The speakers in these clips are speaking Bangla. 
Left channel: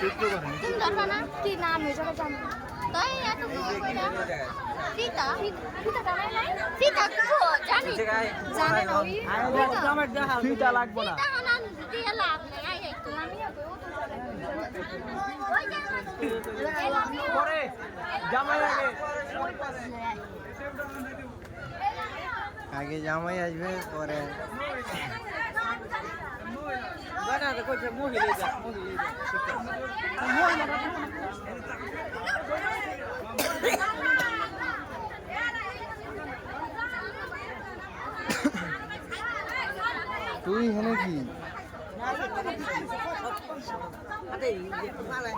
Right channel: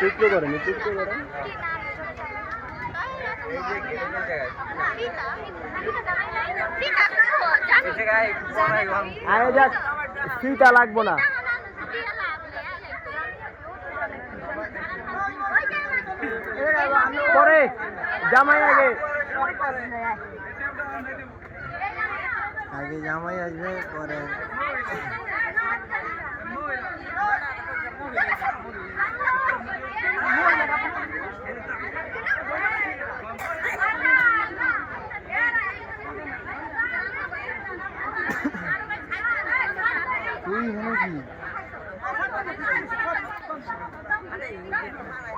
টুকরো করেন ফিটা লাগবো না পরে জামাই আগে জামাই আসবে পরে তুই হলো কি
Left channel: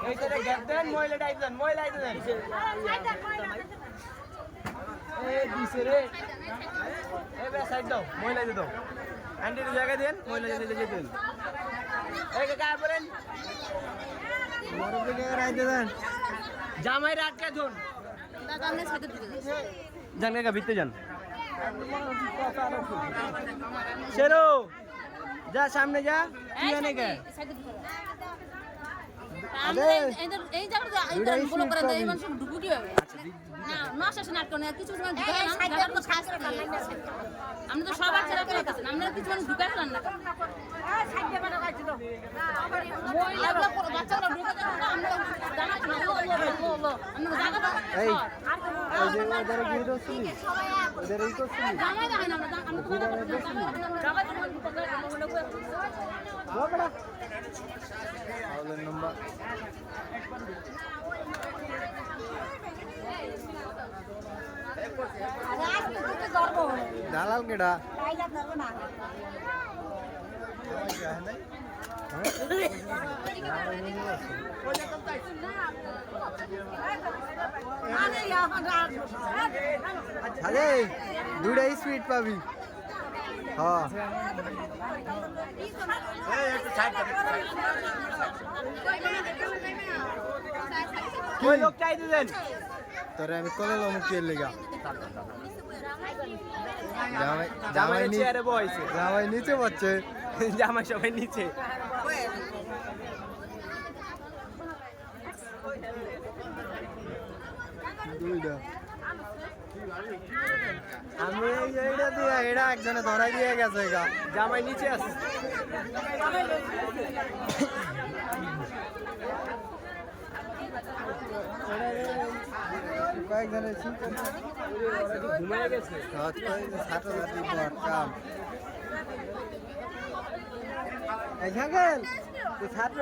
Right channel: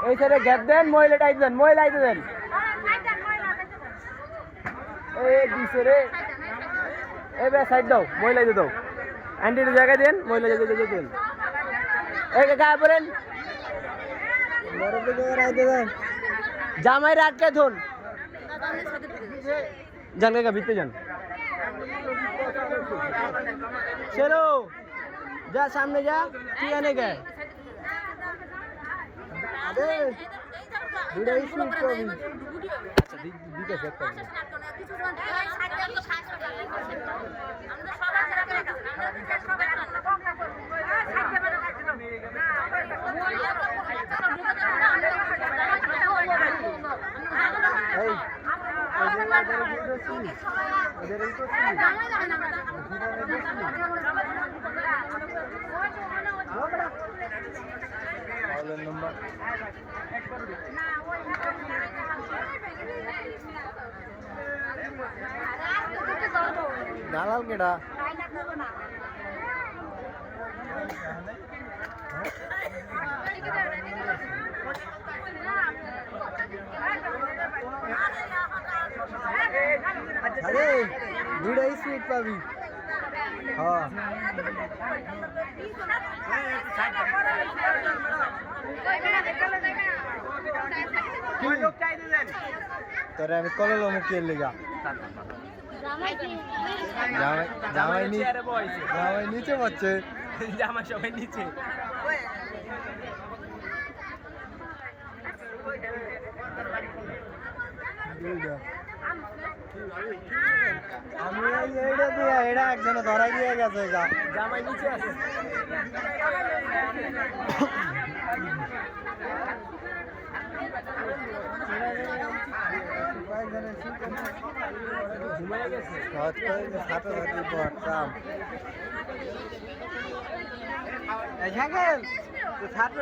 এই সাইডে গ্যাপ দেন মহিলাটা আইতে দেন মহিলা আইতে দেন এই দিছে রে এই বে সাইড দাও মহিলা আইতে দাও আন্টির জায়গায় দেন মহিলা যেতে দেন এই কাকা পড়েন মরবে জায়গায় আইতে দেন জামাই রাখকে ধুন যান কাকা ভিতরে যান चलो जा सामने जा तू आने का अबे वीडियो शूट कर अच्छा दीदी माशा से नाटक ना কিছু না আমরা শ্বাস করি আমরা তো সবার ছাড়া করে কাছে আমরা কিছু ঢুকাতে না সামনে বেটা কাছে না এই उधर वीडियो सुन उधर ही तो सुन वो बड़ा ऑल नंबर दालाल केड़ा अरे दुड़ा स्वीट पावी हाँ कोई लोग क्या इधर तोरे हमें कॉल लो मुक्केल लेगा जावाई नीचे बच्चे जामा सबाई नीचे আমি এইটা দিয়ে এটা একজনে ধরাই দিয়ে গেছে জামাই নিচে আছে ঘুমাই গেছে ছাত্রছাত্রী পর কাম ছাত্র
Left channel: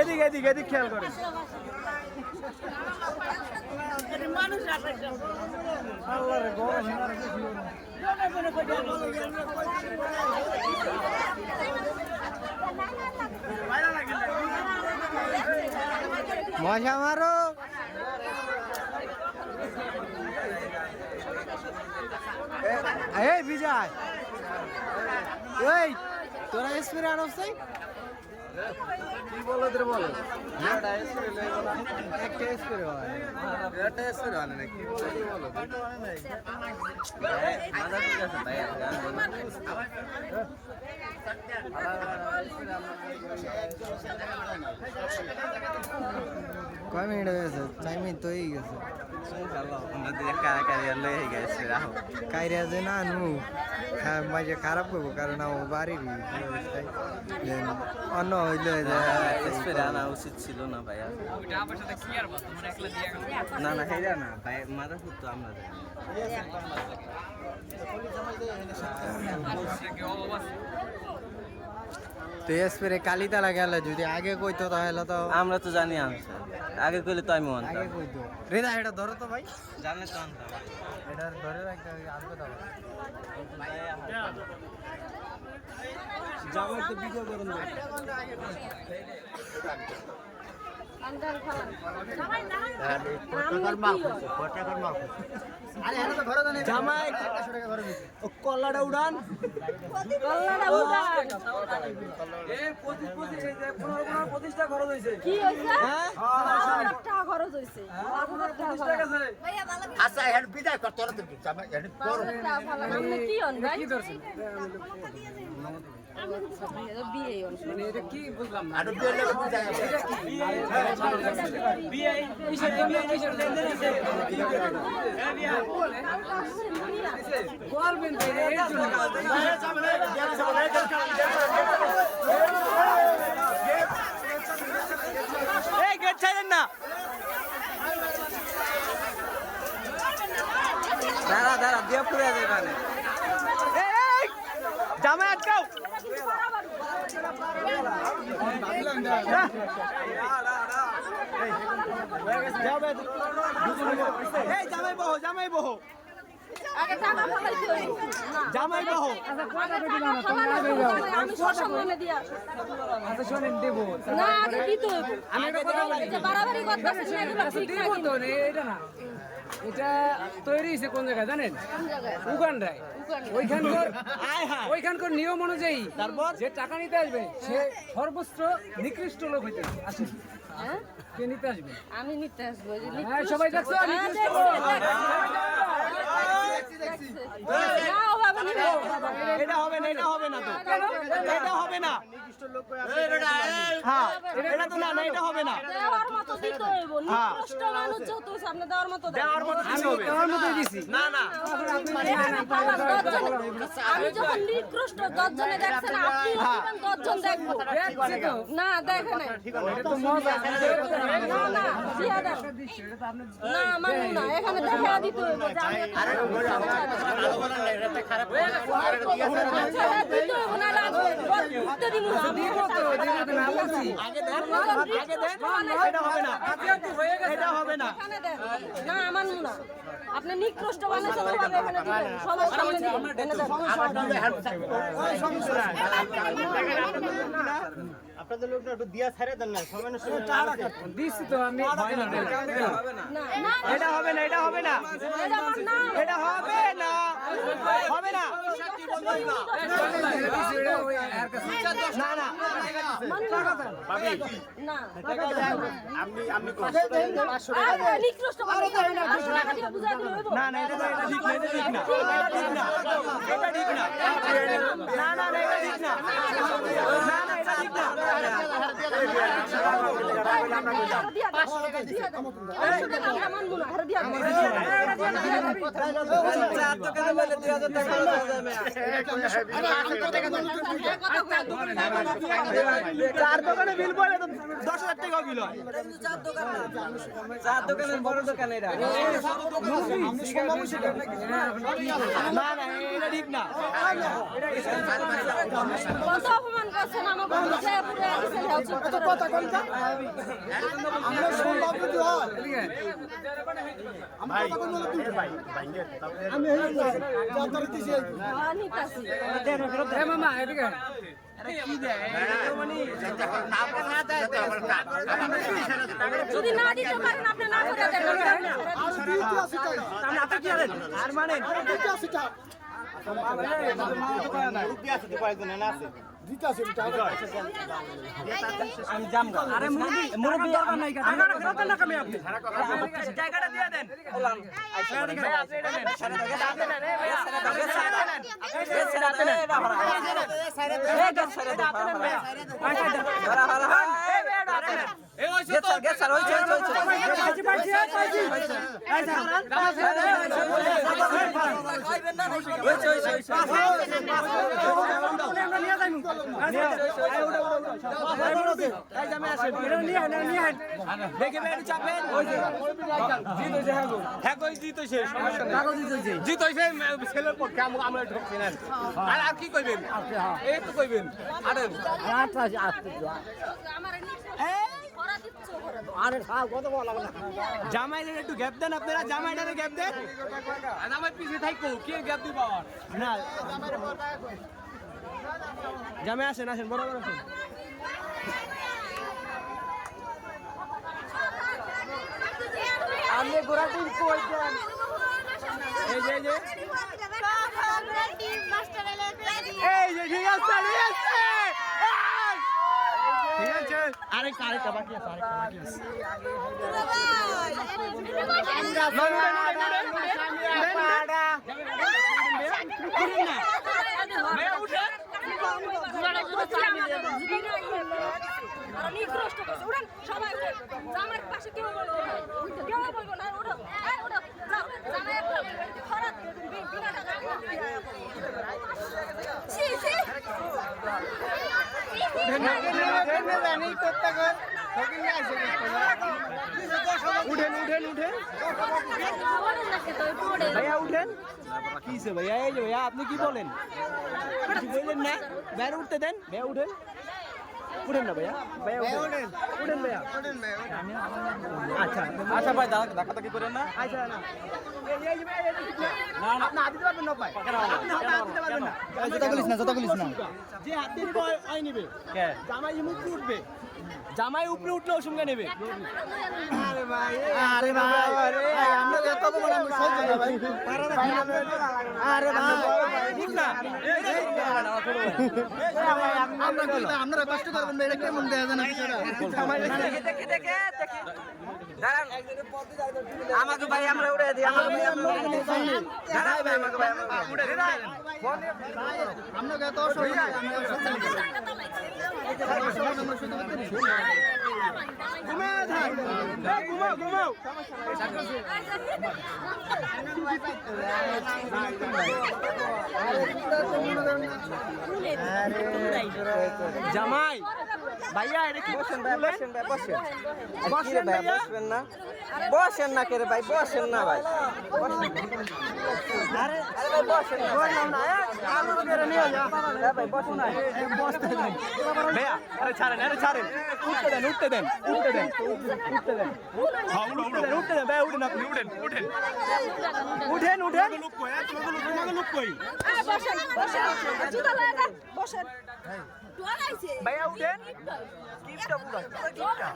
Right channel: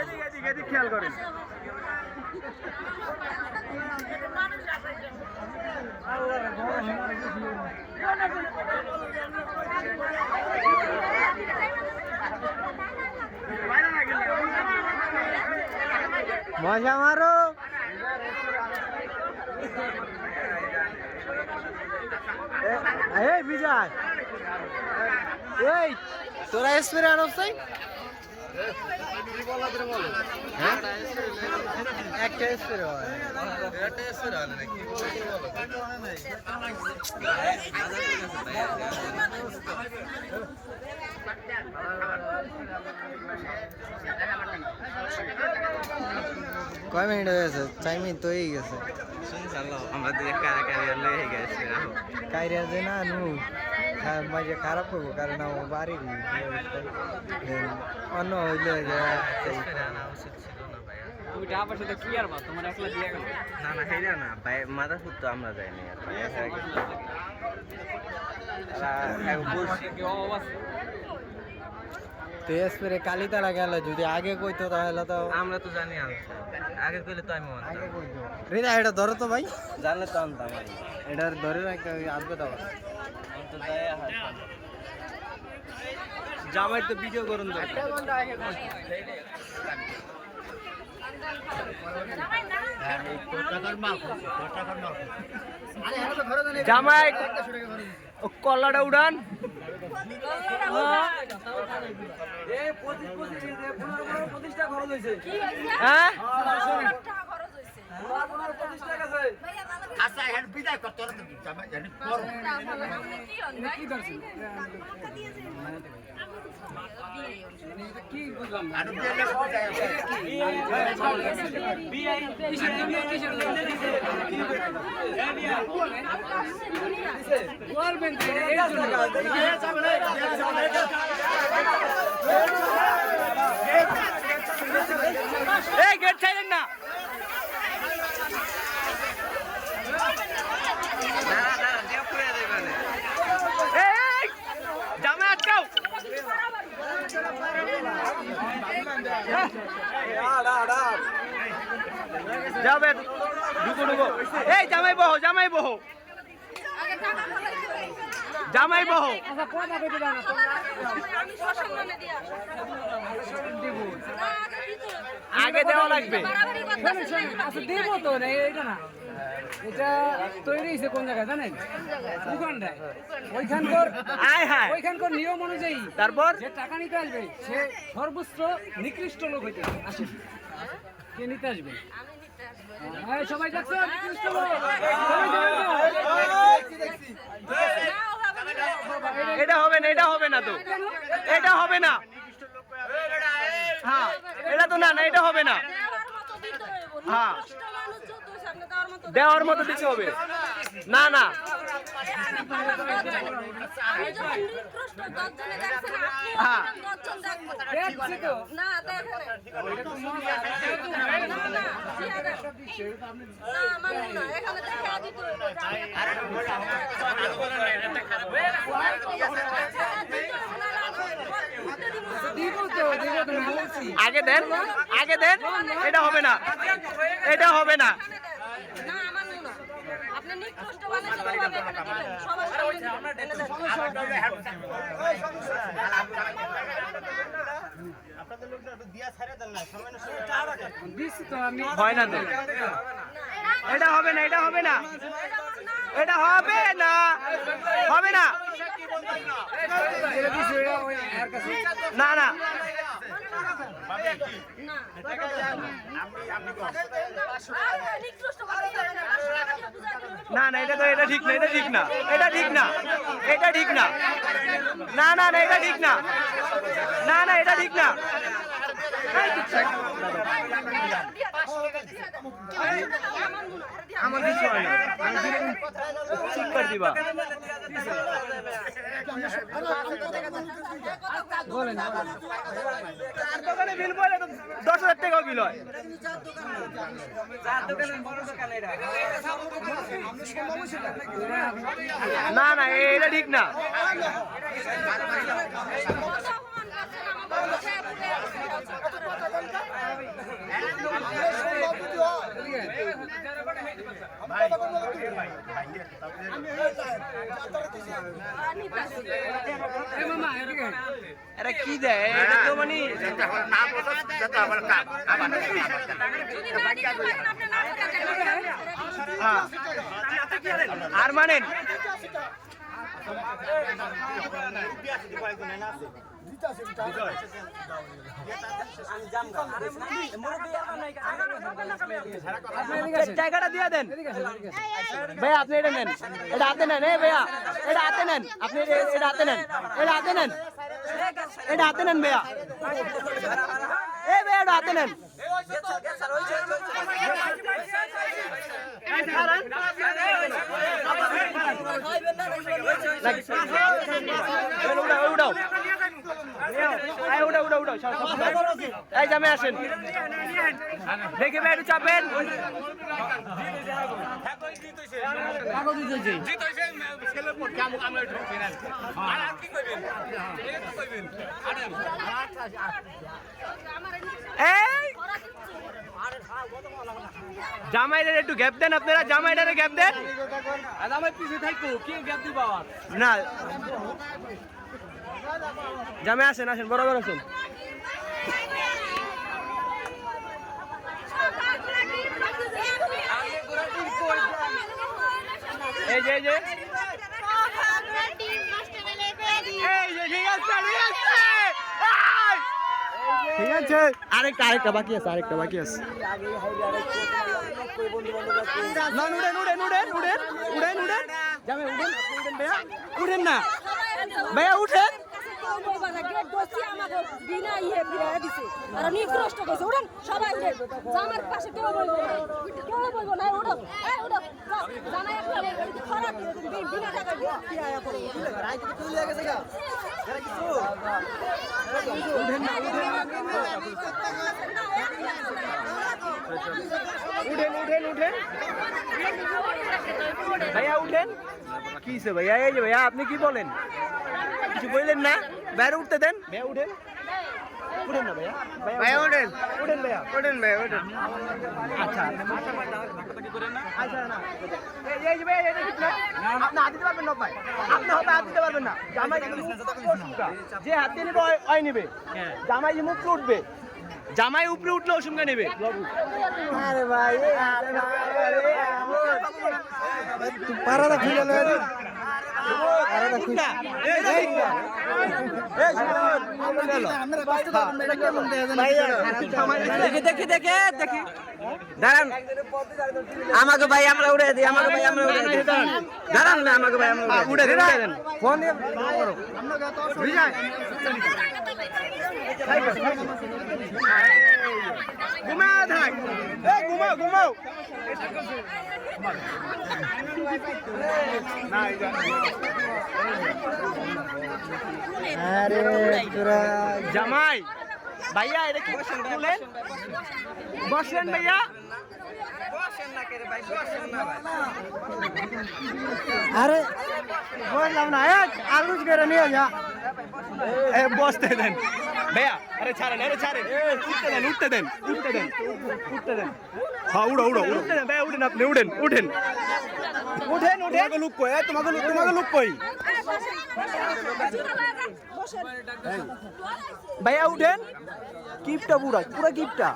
এদিকে এদিকে এদিক খেয়াল করেন মজা মারো এই বিজয় এই তোরা স্প্রে আনস তাই কি বলো তোর বলো হ্যাঁ একটা স্প্রে হয় একটা স্প্রে হয় নাকি বলো কয় মিনিট হয়ে গেছে 4 মিনিট তো হয়ে গেছে আমাদের কাইরিয়া যে না নু মাঝে খারাপ করবো কারণ আমার বাড়ির অন্য হইলে উচিত ছিল না ভাই না না হেরা না ভাই মাথা তো আমরা যাইনি তো এসপরে কালিতালা গেলে যদি আগে কইতো তাহলে তো আমরা তো জানি আগে কইলে তো আমি আগে কইতো রেদা এটা ধরো তো ভাই জানলে তো আনতাম এটা ধরে না আসবে দাও জামাই তো ভিডিও করুন তো জামাই কল্লাটা উড়ান। হ্যাঁ আচ্ছা এখন বিদায় কর তোরা তো কি ধরছেন মানে এটা কি বুঝলাম না আরো বিয়ের লোক বুঝায় এটা কি বিয়ে কিসের জন্য কিসের জন্য হ্যাঁ বিয়া বলবেন তো এটা এর জন্য এই গেট ছাড়েন না। দাঁড়া দাঁড়া দিয়ে পুরে যাবে এই জামাই আটকাও। যাবে ঢুকো ঢুকো। এই জামাই বহো জামাই বহো জামাই বহো। আচ্ছা কথা কইতে জানো তোমরা আগে যাও আমি সসম্মানে দিয়া শোনেন দেব না আগে দিতে হইব আগে দেওয়া লাগবে। বাড়াবাড়ি শোনেন করতেছেন শোনেন আচ্ছা দেব তো না এটা না এটা তৈরি হয়েছে কোন জায়গায় জানেন উগান্ডায় ওইখানকার আয় হায় ওইখানকার নিয়ম অনুযায়ী তারপর যে টাকা নিতে আসবে সে সর্বোচ্চ নিকৃষ্ট লোক হইতে আসে কে নিতে আসবে আমি নিতে আসবো হ্যাঁ সবাই দেখছো নিকৃষ্ট লোক এটা হবে না এটা হবে না তো এটা হবে না। হ্যাঁ এটা তো না না এটা হবে না। হ্যাঁ দেওয়ার মতো দিতে হবে। দেওয়ার মতোই দিছি না না হ্যাঁ দেখছি তো না দেখেন এটা তো মজা এখানে দেখা দিতে হইব আচ্ছা দিব তো না বলছি আগে দেন আগে দেন। এটা হবে না এটা হবে না। না আমার না আপনি নিকৃষ্ট বানাচ্ছেন কিভাবে এখানে দিবেন সবার সামনে দিছি তো আমি হয় না তো এটা হবে না এটা হবে না এটা হবে না হবে না দিছি এটা ওই এর কাছে না না না না এটা তো এটা ঠিক না এটা ঠিক না এটা ঠিক না এটা ঠিক না না না না এটা ঠিক না না না এটা ঠিক না। আমার কিছু হয় না আমি দিলে ঠিক করে দিবা। চার দোকানে বিল বলে তো 10,000 টাকাও বিল হয়। না না এটা ঠিক না। মামা এদিকে এটা কি দেয় এটা তো মানে না বোঝা যত আমার কাম আমার হ্যাঁ। আর মানেন জায়গাটা দিয়ে দেন ভাই আপনি এটা নেন এটা হাতে নেন ভাইয়া এটা হাতে নেন আপনি এটা হাতে নেন এটা হাতে নেন এটা হাতে নেন ভাইয়া ভাইয়া এটা হাতে নেন উঠাও উঠাও উঠাও এই জামে আসেন দেখে ভাই একটু চাপেন জামাইটার একটু গ্যাপ দেন আপনারা জামাইটারে গ্যাপ দেন আমার পিছিয়ে থাকো কি গ্যাপ দিবা না জামাই আসেন আসেন বরাবর আসেন এই যে এই যে ঠিক আছে ঠিক আছে আরেকটা বাকি আছে না উড়েন উড়েন না ভাইয়া উঠেন উঠেন ভাইয়া উঠেন কিসে ভাইয়া এই যে ভাইয়া আপনি কি বলেন কিছু বললেন না বাইরে উঠতে দেন ভাইয়া উঠেন না ভাইয়া উঠেন ভাইয়া আচ্ছা ভাই ধাক্কাধাক্কি করেন না আচ্ছা না এই যে ভাইয়া এটা ঠিক না আপনি হাত দিতে পারবেন না ভাই আপনি হবে হাত দিতে পারবেন না জামাই যে হাত দিয়ে নিবে ওই নিবে জামাই যে মুখ উঠবে জামাই উপরে উঠলে অসুবিধা নেবে আরে ভাই আমাকে ভাই আমরা উড়ে দিই আমাকে ভাই আমরা উড়ে দেন ঘুমাও থাক ঘুমাও জামাই ভাইয়া এটা কি বসেন ভাইয়া বসেন না কেরে ভাই বসেন না ভাই আরে বসতে দেন ভাইয়া আরে ছাড়েন উঠতে দেন হ্যাঁ উঠতে দেন ভাইয়া উঠেন আপনি উঠেন লুক কই তোমাকে লুক কই ভাইয়া উঠেন কিপটা পুরা কিপটা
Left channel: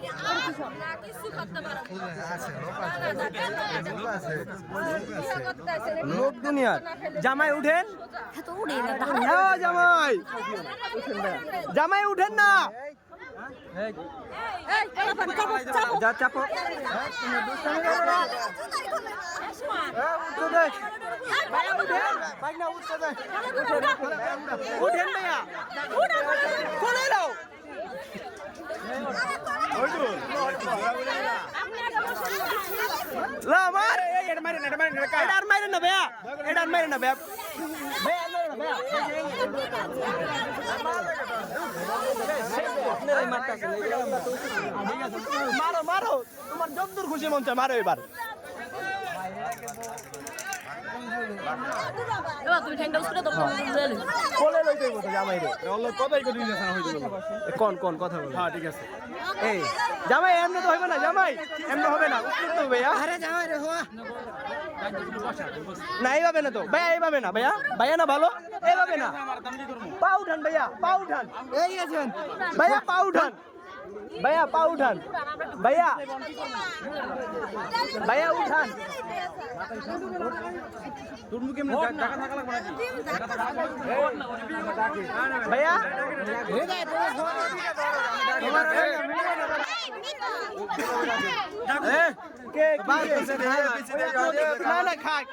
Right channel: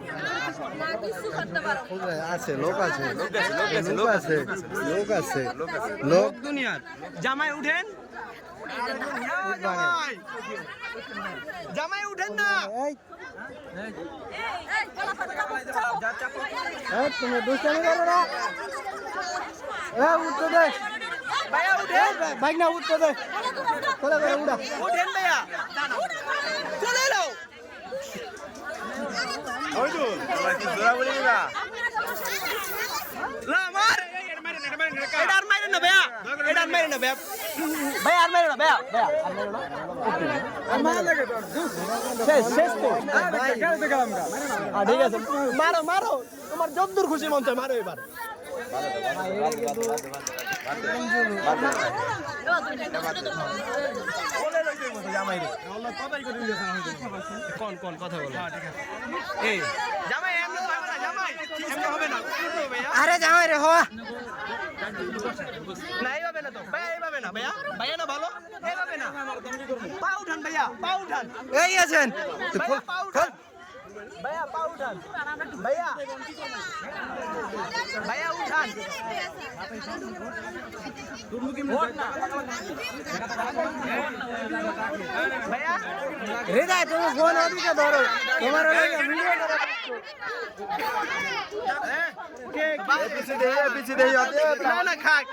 লোক দুনিয়ার জামাই উঠেন জামাই উঠেন না ভাইয়া উঠেন বাইক না উঠতে দে উঠেন ভাইয়া চলে এলো ওই তো মার এটা আর মারেন না ভাইয়া শেষ তো ঠিক আছে মারো তোমার যতদূর খুশি মন চায় মারো এবার কোলে লইতে হইব তো জামাই রে কোন কথা বলো এই জামাই এমনি তো হবে না এমনি হবে না ভাইয়া আরে জামাই রে হওয়া না এইভাবে না তো ভাইয়া এইভাবে না ভাইয়া না ভালো এইভাবে না পা উঠান ভাইয়া এই আছেন ভাইয়া পা উঠান ভাইয়া উঠান ভাইয়া না খাক